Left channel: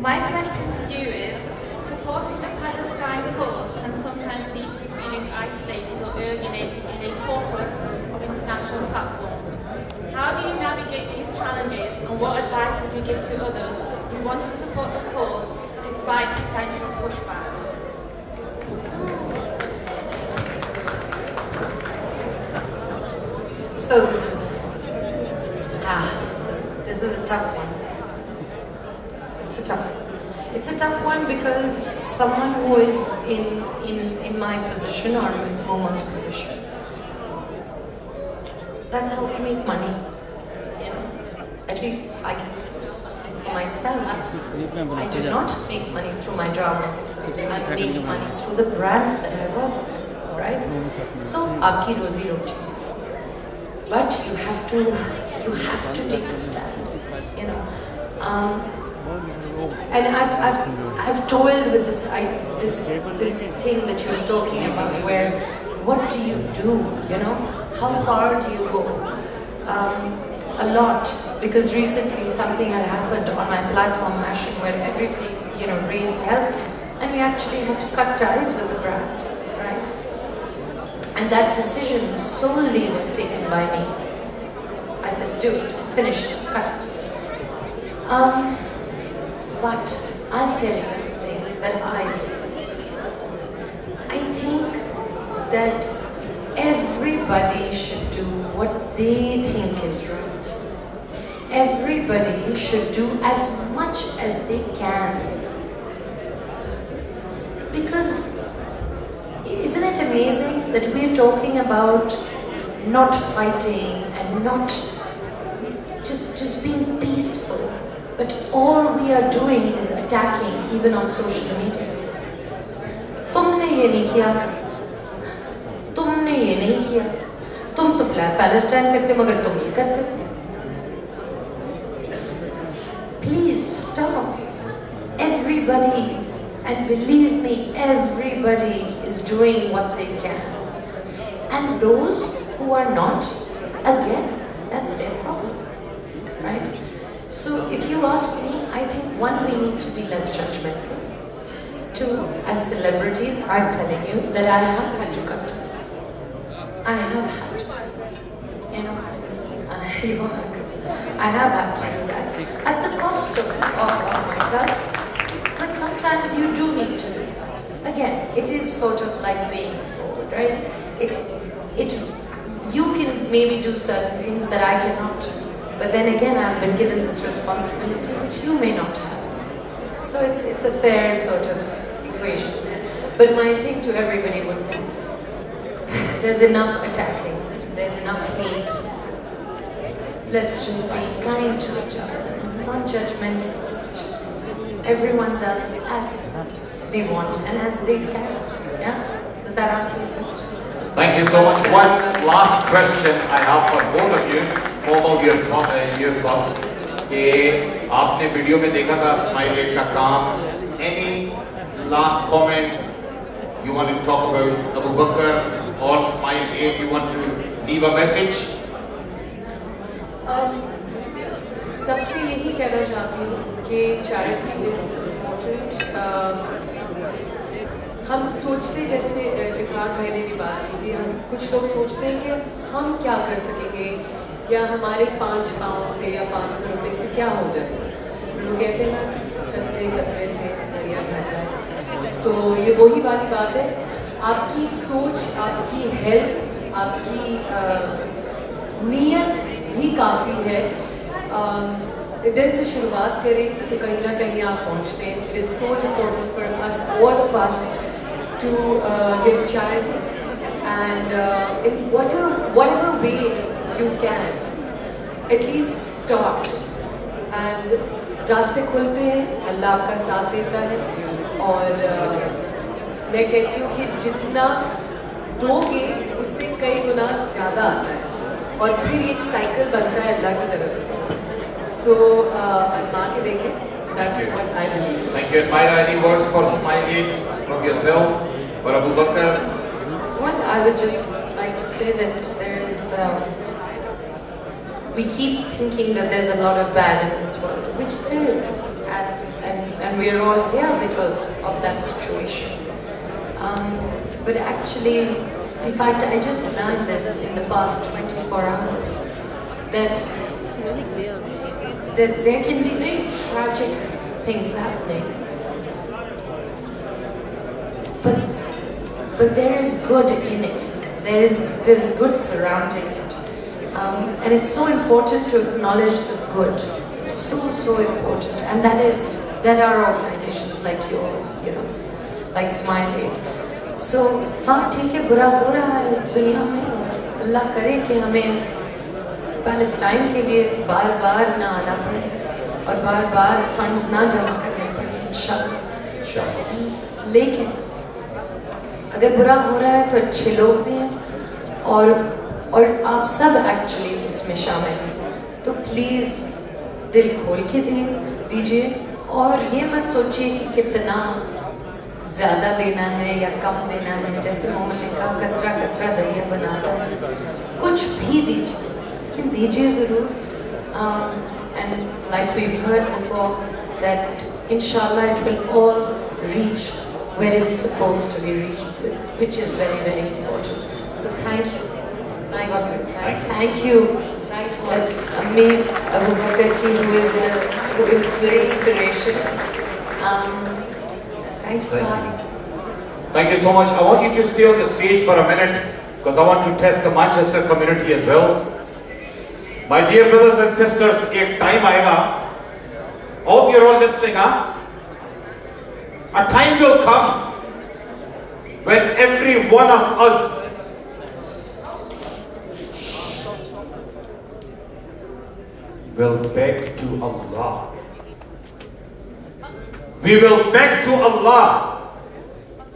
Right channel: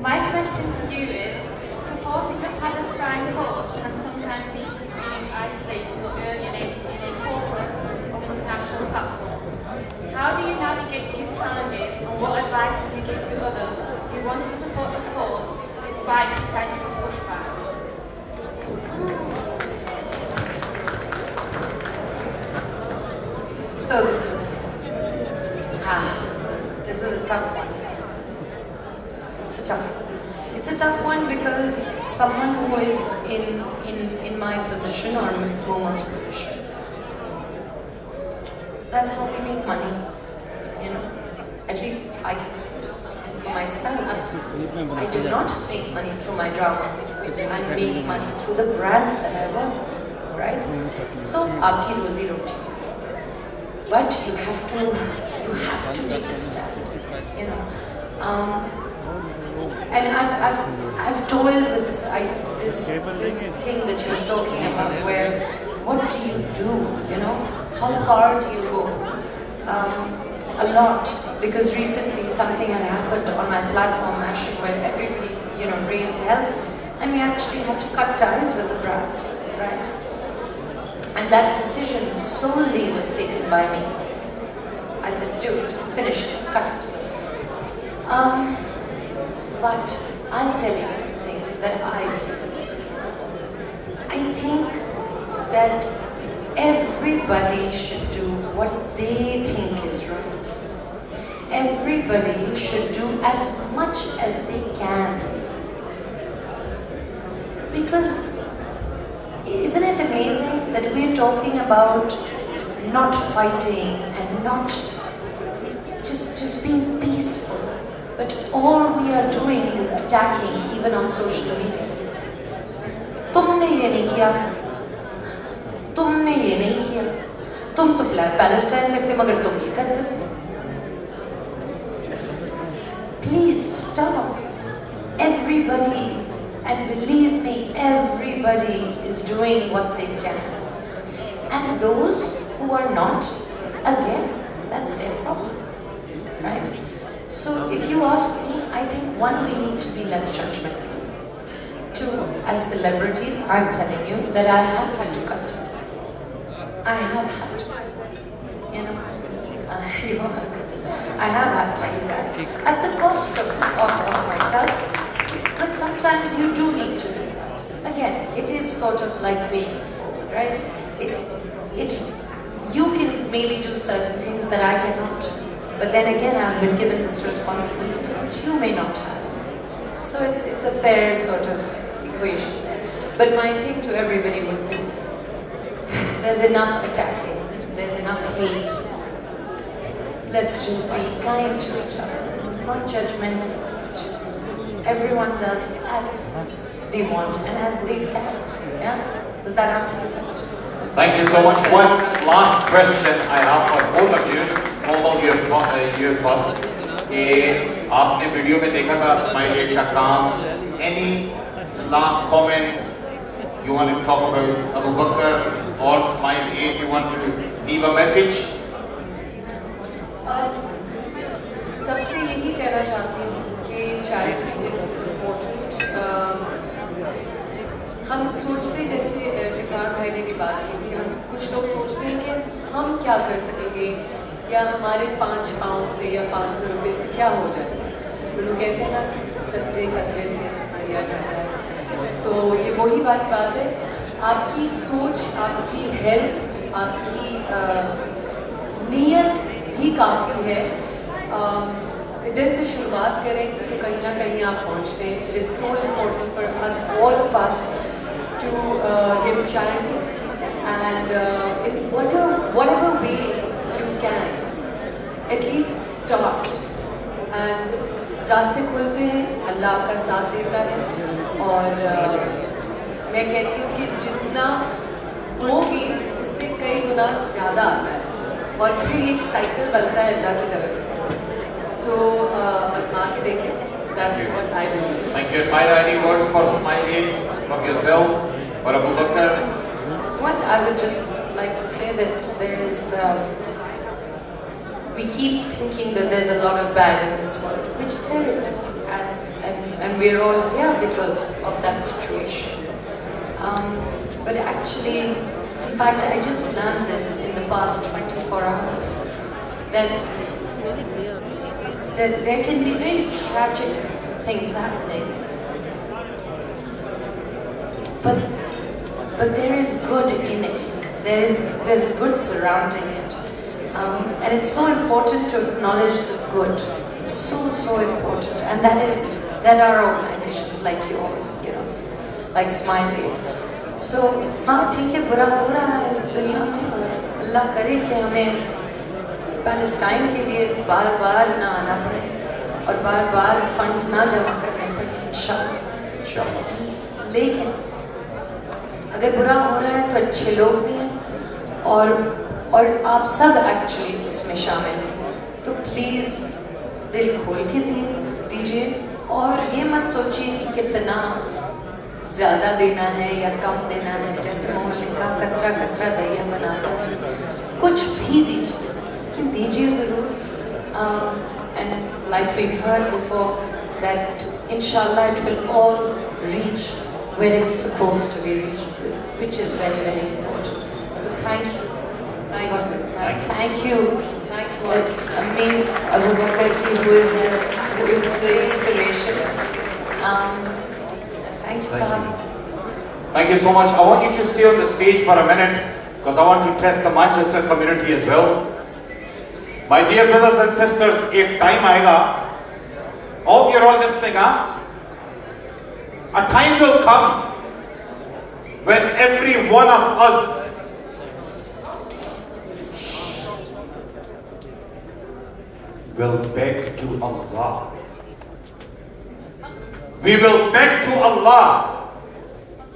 My question to you is, supporting the Palestine cause can sometimes lead to feeling isolated or alienated in a corporate or international platform. How do you navigate these challenges, and what advice would you give to others who want to support the cause despite potential pushback? So this is a tough one. It's a tough one. It's a tough one because someone who is in my position or in Moman's position, that's how we make money. You know, at least I can speak for myself. I do not make money through my dramas or films. I make money through the brands that I work with, right? So, aapki rozi roti. But you have to take a stand, you know. And I've toiled with this thing that you're talking about, where what do you do, you know? How far do you go? A lot, because recently something had happened on my platform, Mashing, where everybody, you know, raised help, and we actually had to cut ties with the brand, right? And that decision solely was taken by me. I said, dude, finish it, cut it. But I'll tell you something that I feel. I think that everybody should do what they think is right. Everybody should do as much as they can. Because isn't it amazing that we're talking about not fighting and not just being peaceful, but all we are doing is attacking, even on social media. तुमने ये नहीं किया, तुमने ये नहीं किया, तुम तो पैलेस्टाइन करते मगर तुम ये करते। Please stop. Everybody, and believe me, everybody is doing what they can. And those who are not, again, that's their problem, right? So if you ask me, I think one, we need to be less judgmental. Two, as celebrities, I'm telling you that I have had to cut ties. I have had to, you know, I have had to do that at the cost of myself. But sometimes you do need to do that. Again, it is sort of like paying it forward, right? You can maybe do certain things that I cannot do. But then again, I've been given this responsibility which you may not have. So it's a fair sort of equation there. But my thing to everybody would be, there's enough attacking, there's enough hate. Let's just be kind to each other, not judgmental of each other. Everyone does as they want and as they can. Yeah? Does that answer your question? Thank you so much. One last question I have for both of you. Komal, you're first. आपने video में देखा था smile का काम. Any last comment you want to talk about Abu Bakr or Smile 8? You want to leave a message? सबसे यही कहना चाहती हूँ कि charity is important. हम सोचते, जैसे विकार भाई ने भी बात की थी, हम कुछ लोग सोचते हैं कि हम क्या कर सकेंगे या हमारे 5 पाउंड से या 500 रुपये से क्या हो जाएगा। लोग कहते हैं ना, कतरे कतरे से दरिया ढलता है। तो ये वही वाली बात है, आपकी सोच, आपकी हेल्प, आपकी नीयत भी काफ़ी है। इधर से शुरुआत करें तो कहीं ना कहीं आप पहुँचते हैं। It is so important for us, all of us, to give charity, and in whatever way you can, at least start. And रास्ते खुलते हैं, अल्लाह आपका साथ देता है। और मैं कहती हूँ कि जितना दोगे उससे कई गुना ज़्यादा आता है, और फिर एक साइकिल बनता है अल्लाह की तरफ से। So आज़मा के देखें। That's what I believe. Thank you. Any words for Smile 8 from yourself or Abu Bakr? Well, I would just like to say that there is. We keep thinking that there's a lot of bad in this world, which there is, and and we're all here because of that situation. But actually, in fact, I just learned this in the past 24 hours, that there can be very tragic things happening, but there is good in it. There's good surrounding it, and it's so important to acknowledge the good. It's so important, and that are organizations like yours, like Smile Aid. So हाँ ठीक है, बुरा हो रहा है इस दुनिया में, अल्लाह करे कि हमें पैलेस्टाइन के लिए बार-बार ना आना पड़े और बार-बार फंड्स ना जमा करने पड़े, इंशाअल्लाह। लेकिन अगर बुरा हो रहा है तो अच्छे लोग भी हैं और आप सब एक्चुअली उसमें शामिल हैं, तो प्लीज़ दिल खोल के दीजिए और ये मत सोचिए कि कितना ज़्यादा देना है या कम देना है। जैसे मोहम्मद ने कहा, कतरा कतरा दरिया बनाता है। कुछ भी दीजिए, लेकिन दीजिए ज़रूर। And like we've heard before, that inshallah it will all reach where it's supposed to be reached, which is very, very important. So thank you. Thank you. Ammi Abu Bakr ki, who is the inspiration. Thank you for having us. Thank you so much. I want you to stay on the stage for a minute because I want to test the Manchester community as well. My dear brothers and sisters, एक time आएगा, hope you're all listening, huh? A time will come when every one of us will beg to Allah. We will beg to Allah,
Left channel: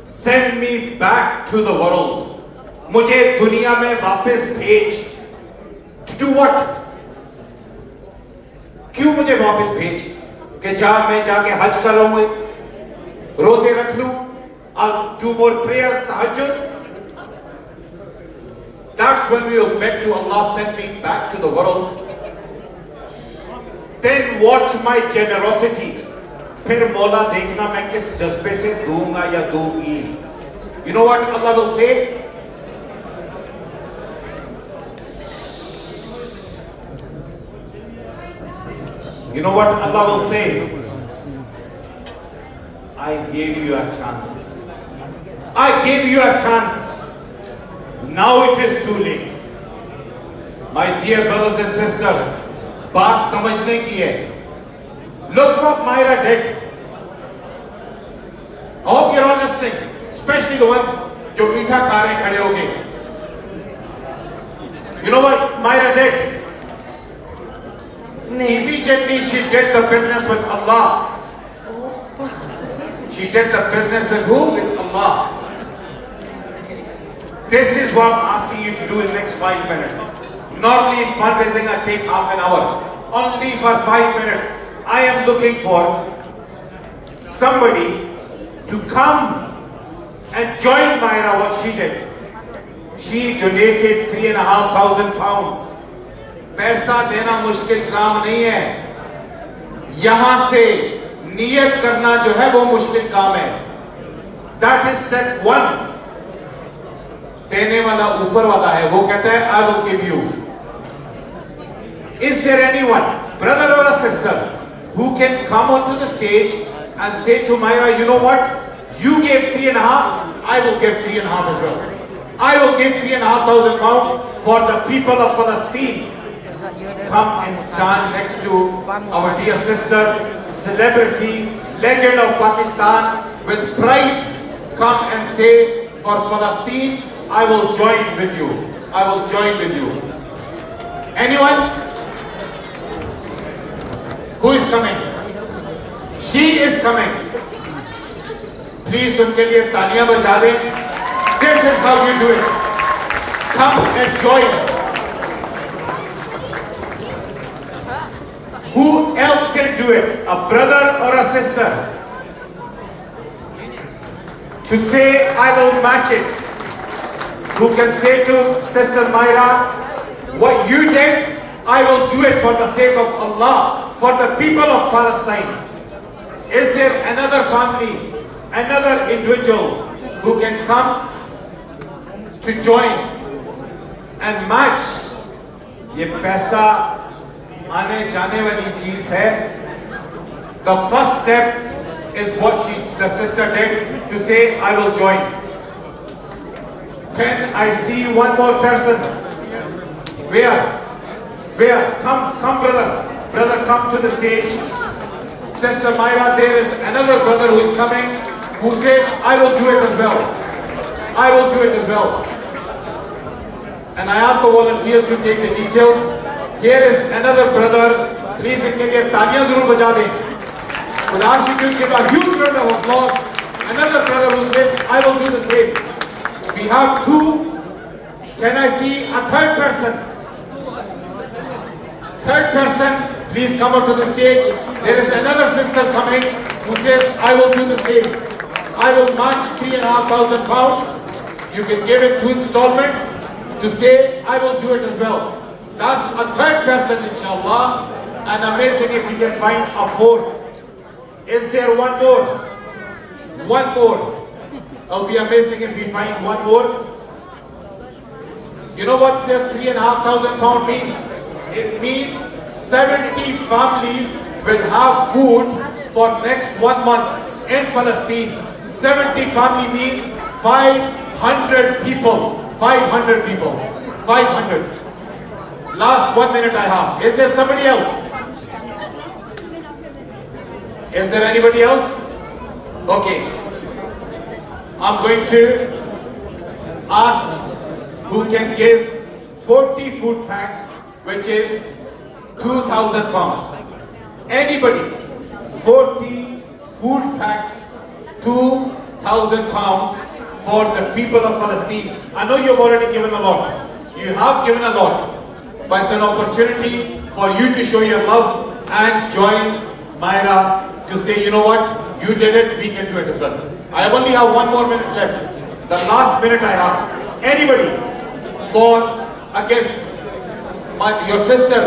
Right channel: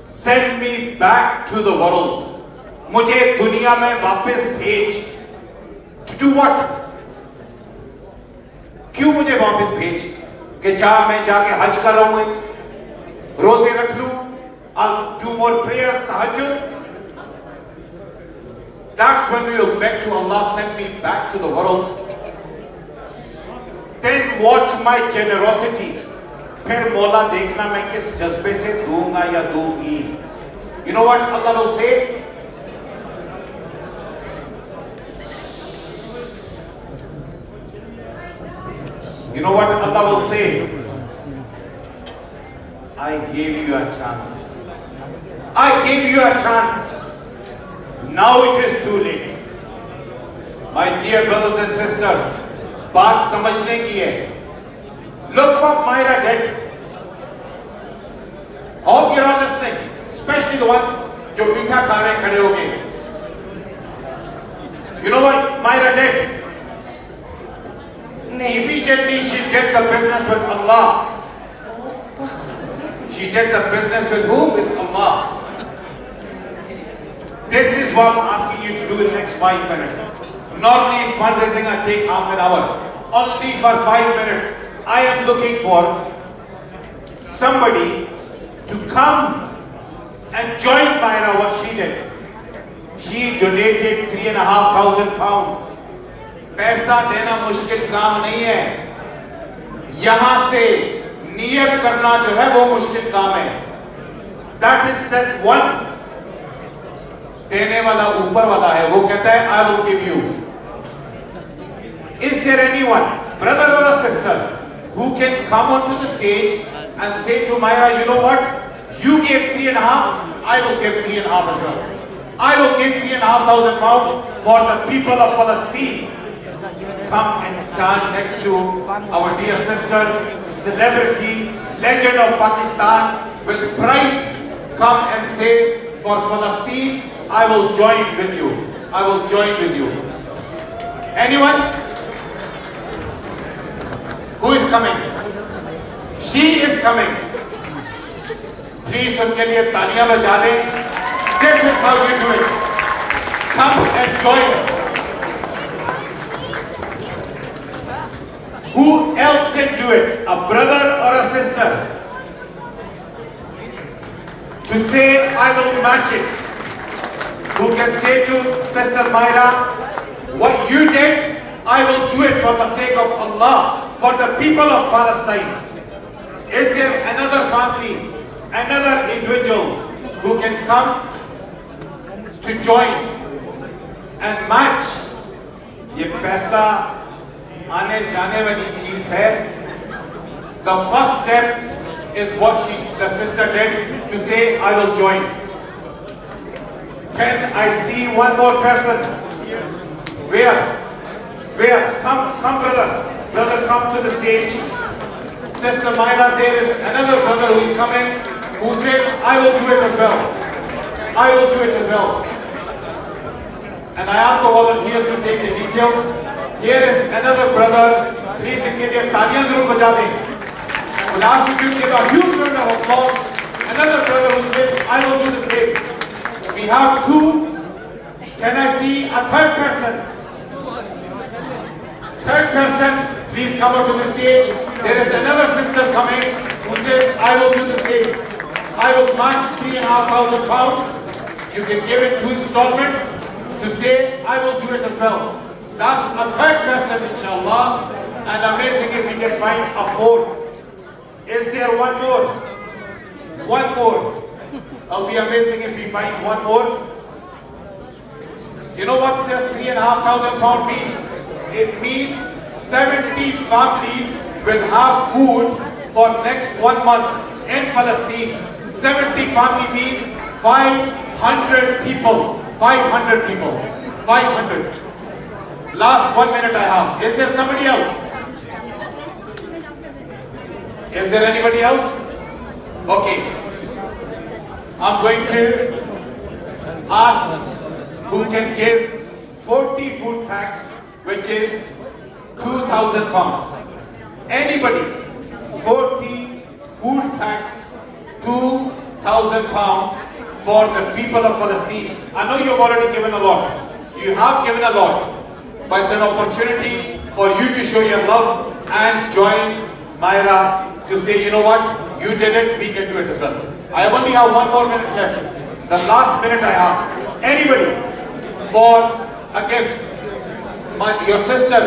send me back to the world. मुझे दुनिया में वापस भेज. To do what? क्यों मुझे वापस भेज? कि मैं जाके हज कर आऊं, रोजे रख लूं, I'll do more prayers, tahajjud. That's when we will beg to Allah, send me back to the world. Then watch my generosity. फिर मौला देखना मैं किस जज्बे से दूंगा या दूंगी. You know what Allah will say? You know what Allah will say? I gave you a chance. I gave you a chance. Now it is too late. My dear brothers and sisters, बात समझने की है. Look what Myra did. Hope you're understanding, especially the ones जो मीठा खा रहे खड़े होके. You know what Myra did? Immediately she did the business with Allah. She did the business with who? With Allah. This is what I'm asking you to do in the next 5 minutes. Normally in fundraising I take half an hour. Only for 5 minutes. I am looking for somebody to come and join Myra what she did. She donated 3,500 pounds. पैसा देना मुश्किल काम नहीं है. यहां से नियत करना जो है वो मुश्किल काम है. That is step 1. देने वाला ऊपर वाला है, वो कहता है I will give you. Is there anyone, brother or a sister, who can come onto the stage and say to Myra, you know what? You gave 3,500, I will give 3,500 as well. I will give 3,500 pounds for the people of Palestine. Come and stand next to our dear sister, celebrity, legend of Pakistan, with pride. Come and say, for Palestine, I will join with you. I will join with you. Anyone? Who is coming? She is coming. Please उनके लिए तालियां बजा दें. This is how we do it. Come and join. Who else can do it? A brother or a sister? To say, I will match it. Who can say to Sister Myra, what you did, I will do it for the sake of Allah, for the people of Palestine. Is there another? family, another individual who can come to join and match. ये पैसा आने जाने वाली चीज है. The first step is what the sister did to say, I will join. Can I see one more person? Where? Come brother. Brother, come to the stage. Sister Myra, there is another brother who is coming, who says, I will do it as well. I will do it as well. And I ask the volunteers to take the details. Here is another brother. Please, इनके लिए तालियां जरूर बजा दें. We'll ask you to give a huge round of applause. Another brother who says, I will do the same. We have two. Can I see a third person? Third person, please come up to the stage. There is another sister coming who says, I will do the same. I will match £3,500 pounds. You can give it 2 installments to say, I will do it as well. That's a third person, inshallah. And amazing if you can find a fourth. Is there one more? One more. It'll be amazing if we find one more. You know what this £3,500 means? It means 70 families will have food for next 1 month in Palestine. 70 family means 500 people. 500 people. 500. Last 1 minute I have. Is there somebody else? Is there anybody else? Okay. I'm going to ask who can give 40 food packs, which is £2,000. Anybody? 40 food packs, £2,000 for the people of Palestine. I know you've already given a lot. You have given a lot. But it's an opportunity for you to show your love and join Myra to say, you know what, you did it, we can do it as well. I only have 1 more minute left. The last minute I have. Anybody for a gift? Your sister,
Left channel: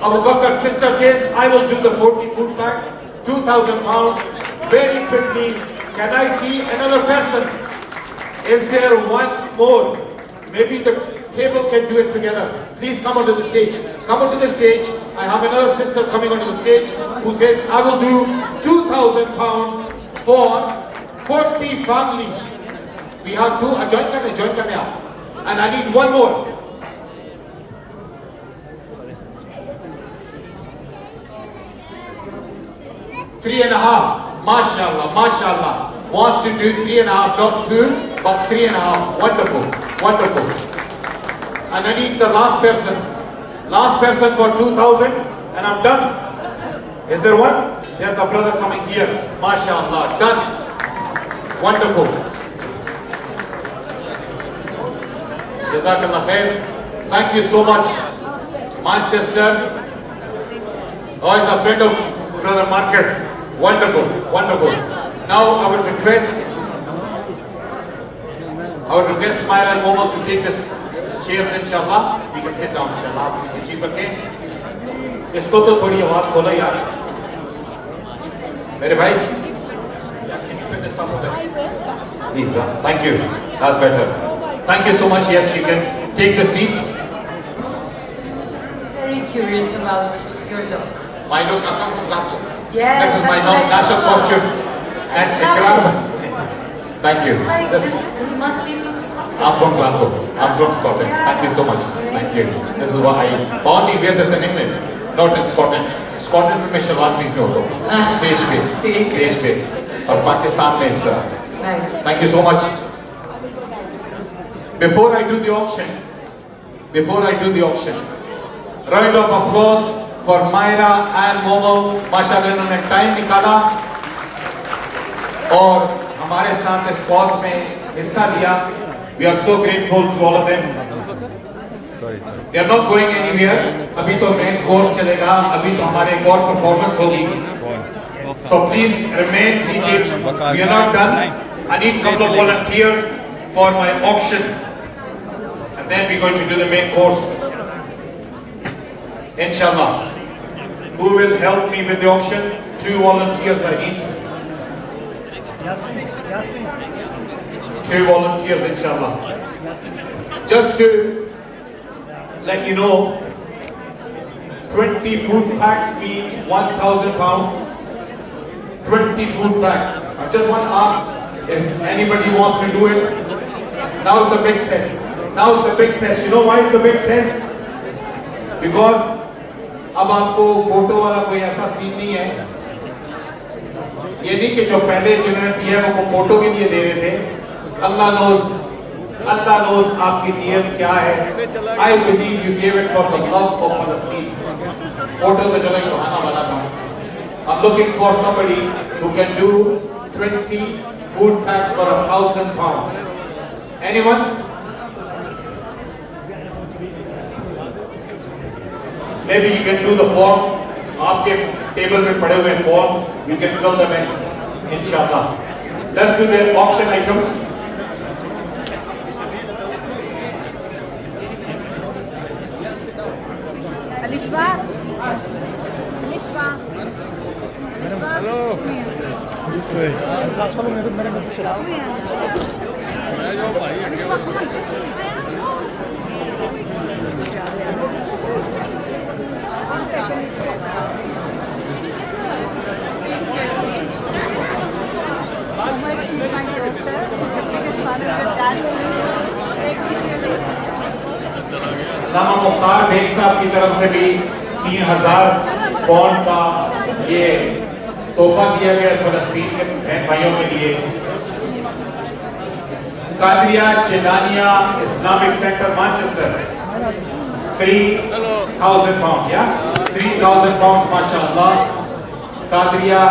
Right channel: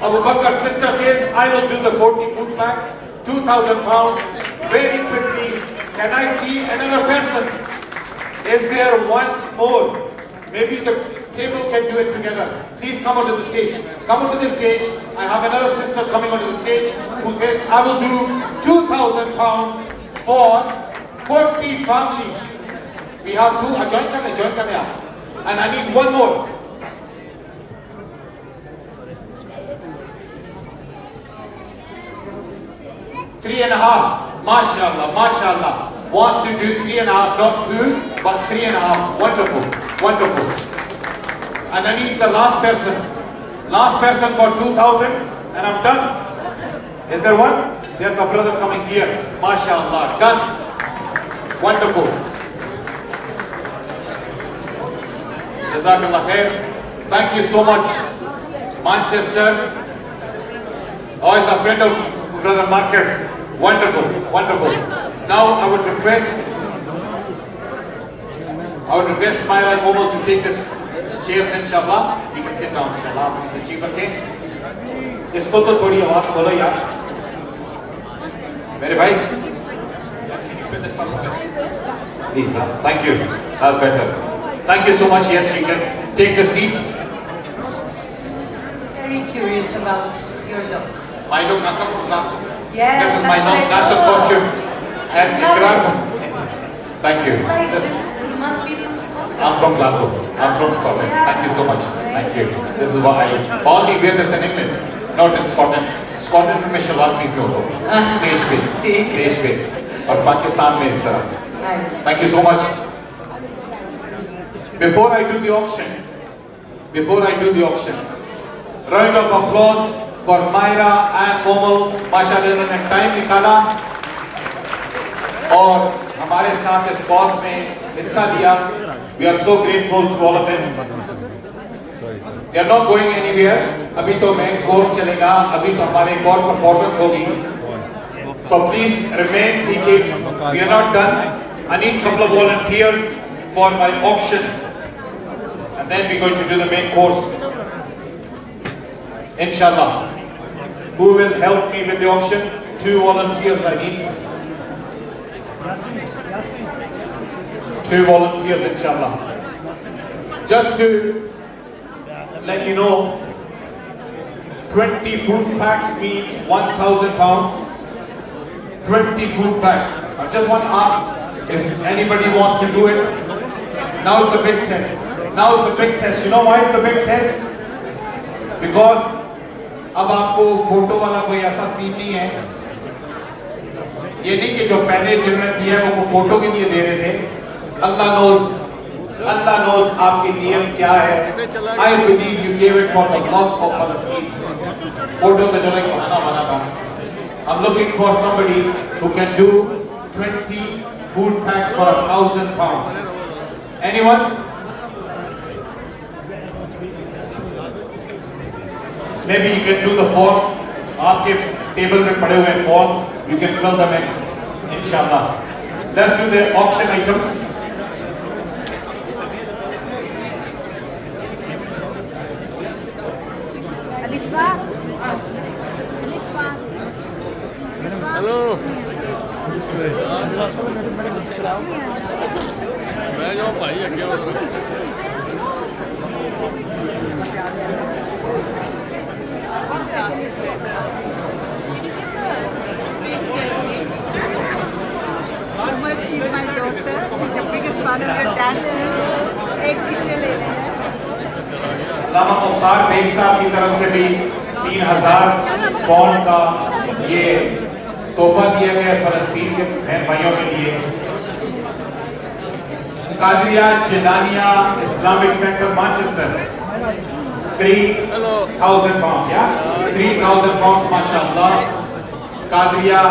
Abu Bakr's sister says, I will do the 40 food packs, £2,000, very quickly. Can I see another person? Is there one more? Maybe the table can do it together. Please come onto the stage. Come onto the stage. I have another sister coming onto the stage who says, I will do £2,000 for 40 families. We have 2. Join kar. And I need one more. Three and a half. MashaAllah, MashaAllah. Wants to do 3.5, not 2, but 3.5. Wonderful, wonderful. And I need the last person. Last person for 2,000, and I'm done. Is there one? There's a brother coming here. MashaAllah, done. Wonderful. Jazakallah khair. Thank you so much, Manchester. Oh, he's a friend of Brother Marcus. Wonderful, wonderful. Now I would request Myra and Momo to take this chairs, inshallah. You can sit down, inshallah. The chief attain. Isko to thodi awaaz bolo yaar. Mere bhai, can you put this up a bit? Please, thank you. That's better. Thank you so much. Yes, you can take the seat. Very curious about your look. My look, I come from Glasgow. Yes, this is my non-national costume. And thank you. This must be from Scotland. I'm from Glasgow. I'm from Scotland. Thank you so much. Thank you. This is why I only wear this in England, not in Scotland. Scotland में salwar please no दो. Stage पे. और पाकिस्तान में इस तरह. Thank you so much. Before I do the auction, round of applause for Myra and Momo. माशाल्लाह इन्होंने time निकाला और हमारे साथ इस कॉज में हिस्सा लिया. We are so grateful to all of them. They are not going anywhere. अभी तो मेन कोर्स चलेगा. अभी तो हमारे एक और परफॉर्मेंस होगी. So please remain seated. We are not done. I need a couple of volunteers for my auction, and then we're going to do the main course. Inshallah. Who will help me with the auction? 2 volunteers I need. 2 volunteers, inshallah. Just to let you know, 20 food packs means 1,000 pounds. 20 food packs. I just want to ask if anybody wants to do it. Now is the big test. Now is the big test. You know why is the big test? Because अब आपको photo वाला कोई ऐसा scene नहीं है, ये नहीं कि जो पहले जिन्होंने दिया है वो फोटो के लिए दे रहे थे. अल्लाह knows आपकी नीयत क्या है. I believe you gave it from the love of Palestine. Photo तो चलो बहाना बना था. I'm looking for somebody who can do 20 food packs for 1,000 pounds. Anyone? Maybe you can do the forms. आपके टेबल में पड़े हुए forms, you can fill them in, inshallah. Let's do the auction items. Alishba. Hello. This way. लामा मुख्तार बेग साहब की तरफ से भी 3,000 पौंड का ये तोहफा दिया गया फलस्तीन के बहन भाइयों के लिए. Qadria Jilania Islamic centre Manchester 3,000 pounds. Yeah, 3,000 pounds. माशाअल्लाह. कादरिया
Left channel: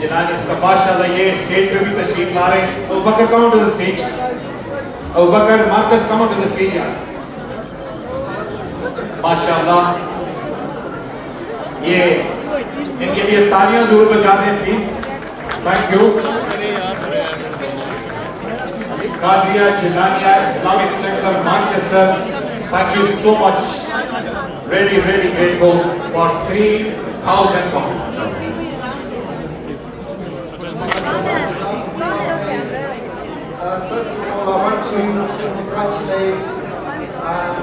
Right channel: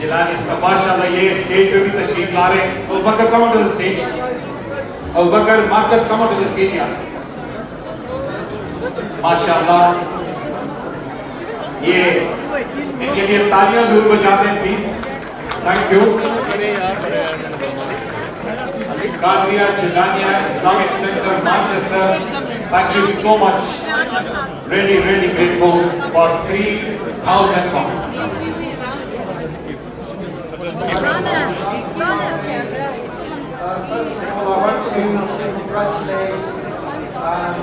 जिलानी माशाअल्लाह ये स्टेज पे भी तशरीफ ला रहे हैं. Abu Bakar come on to the stage. Abu Bakar Marcus come on to the stage यार. माशाअल्लाह ये इनके लिए तालियां जरूर बजा दें please. Thank you. Qadria Jilania Islamic centre Manchester, thank you so much. Really grateful for 3,000 pounds. First of all, I want to congratulate and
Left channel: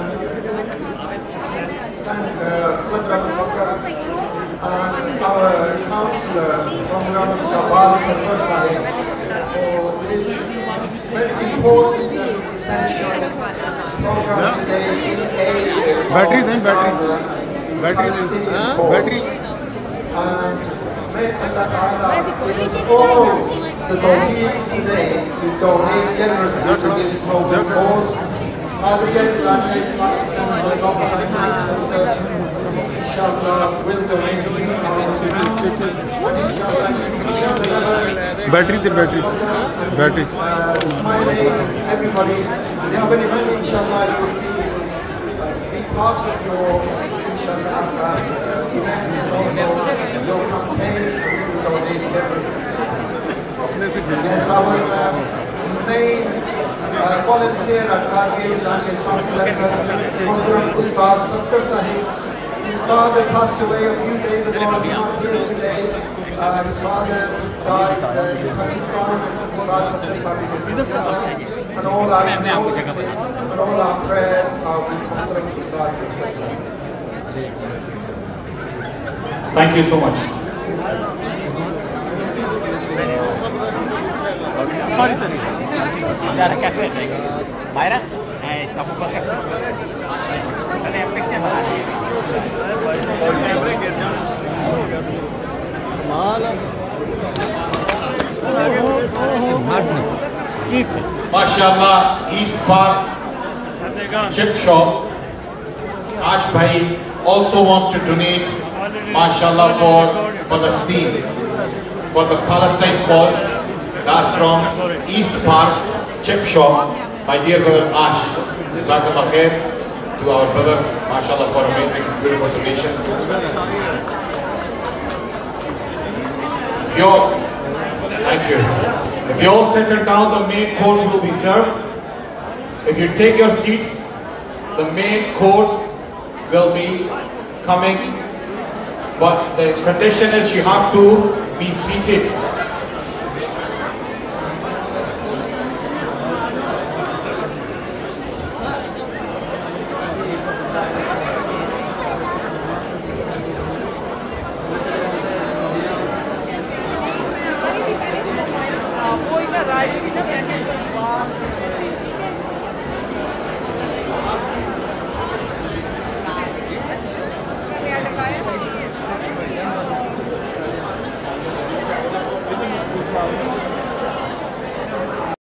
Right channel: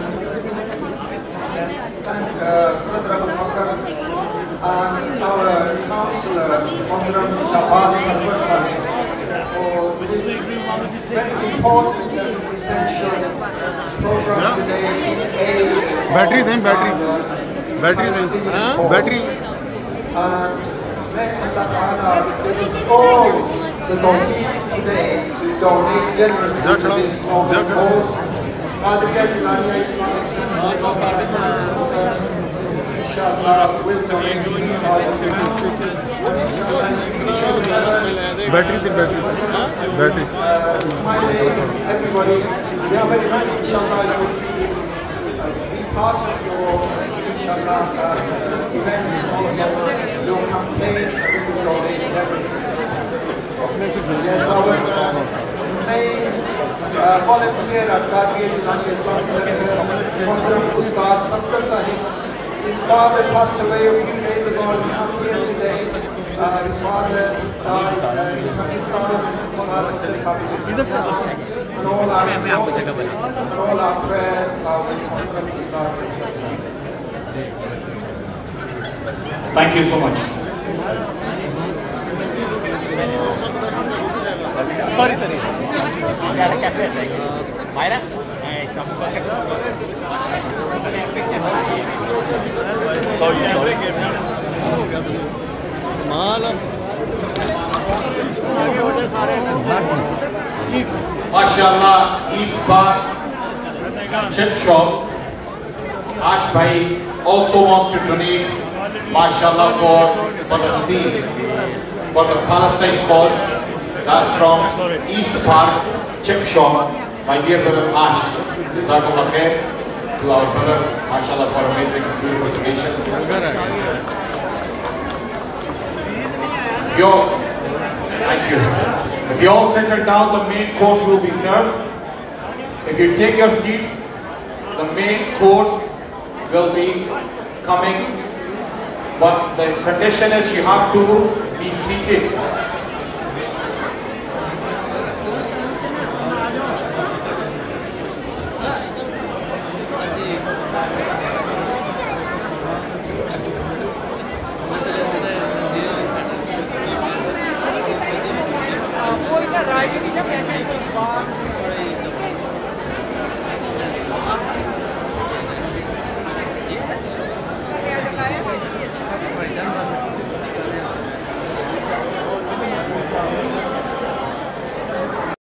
thank Qadra Al-Bakar and our councillor, Mohammed Shabazz Safar Sahib, for this very important and essential program today in aid Battery of then, battery. Battery. And may Allah Ta'ala give us all the tawfiq today to donate generously to this noble cause. Father Guest Islamic Center, inshallah, will donate Battery. smiling everybody. We are very much, inshallah, you will see, be part of your, inshallah, event, also your campaign, and we will donate everything. Yes, our main volunteer at Qadir Islamic Islamic Center, Muhtaram Ustad Safdar Sahib. His father passed away a few days ago, he's not here today. His father died in Pakistan. Ustad Safdar Sahib is in Pakistan. And all our condolences and all our prayers are with Muhtaram Ustad Safdar Sahib. Thank you so much. Sorry. Myra? माशाअल्लाह east park chip shop. Ash Bhai also wants to donate, mashallah, for Palestine, for the Palestine cause. That's from East Park chip shop. My dear brother Ash, Jazakallah khair to our brother, mashallah, for amazing, beautiful donation. Thank you. If you all settle down, the main course will be served. If you take your seats, the main course will be coming. But the condition is you have to be seated